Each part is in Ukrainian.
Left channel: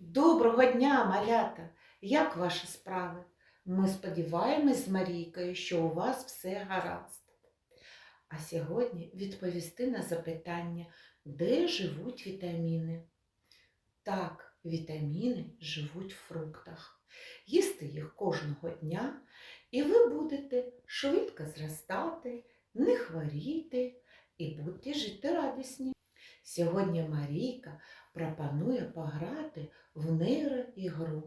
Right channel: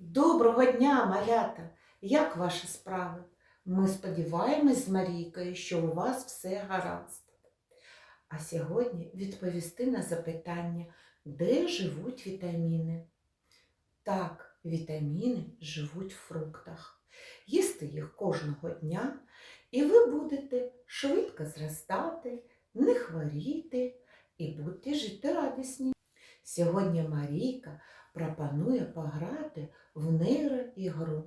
Доброго дня, малята! Як ваші справи? Ми сподіваємось з Марійкою, що у вас все гаразд. А сьогодні відповісти на запитання, де живуть вітаміни. Так, вітаміни живуть в фруктах. Їсти їх кожного дня, і ви будете швидко зростати, не хворіти і будете жити радісні. Сьогодні Марійка пропонує пограти в нейроігру,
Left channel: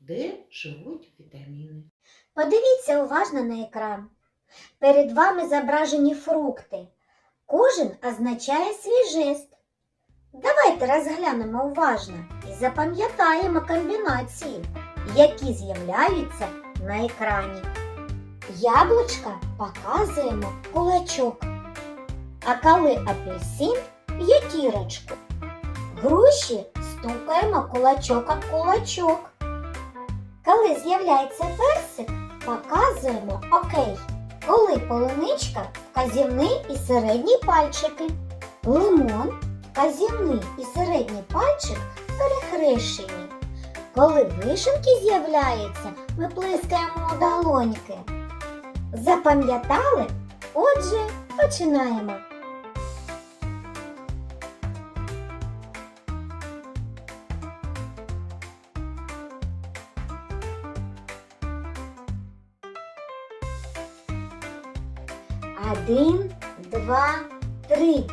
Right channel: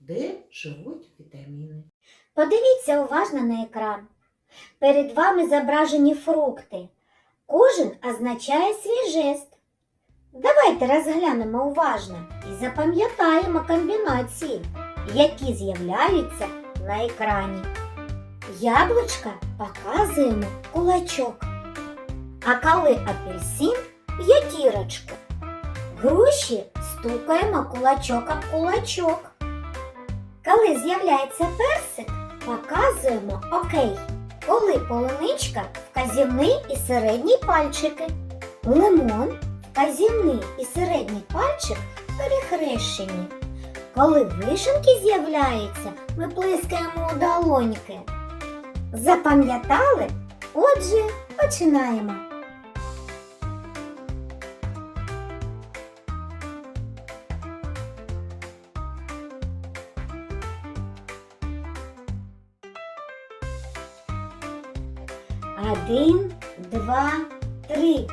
де живуть вітаміни. Подивіться уважно на екран. Перед вами зображені фрукти. Кожен означає свій жест. Давайте розглянемо уважно і запам'ятаємо комбінації, які з'являються на екрані. Яблучка показуємо кулачок. А коли апельсин п'ятірочку. Груші стукаємо кулачок об кулачок. Коли з'являється персик, показуємо окей. Коли полуничка вказівний і середній пальчики. Лимон вказівний і середній пальчик перехрещені. Коли вишенки з'являються, ми плескаємо у долоньки. Запам'ятали? Отже, починаємо. Один, два, три.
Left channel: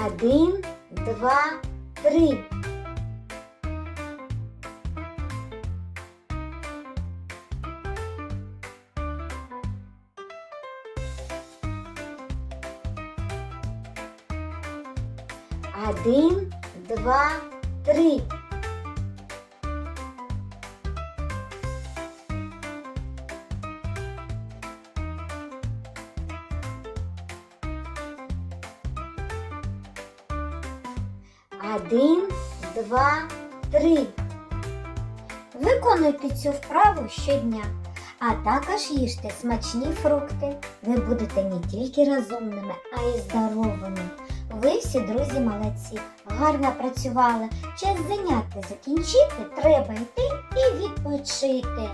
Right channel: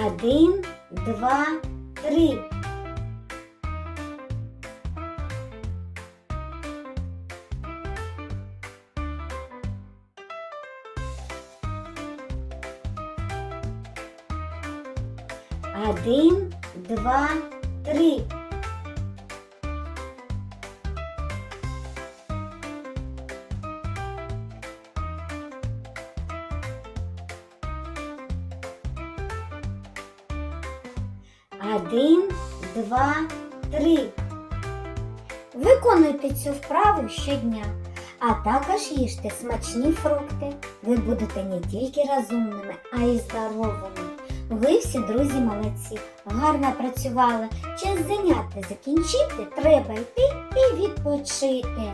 Один, два, три. Один, два, три. Один, два, три. Виконуйте цю вправу щодня, а також їжте смачні фрукти. Ви будете не тільки розумними, а й здоровими. Ви всі друзі молодці, гарно працювали. Час заняття закінчити, треба йти і відпочити.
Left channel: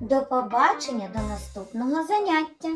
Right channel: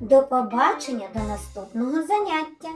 До побачення до наступного заняття.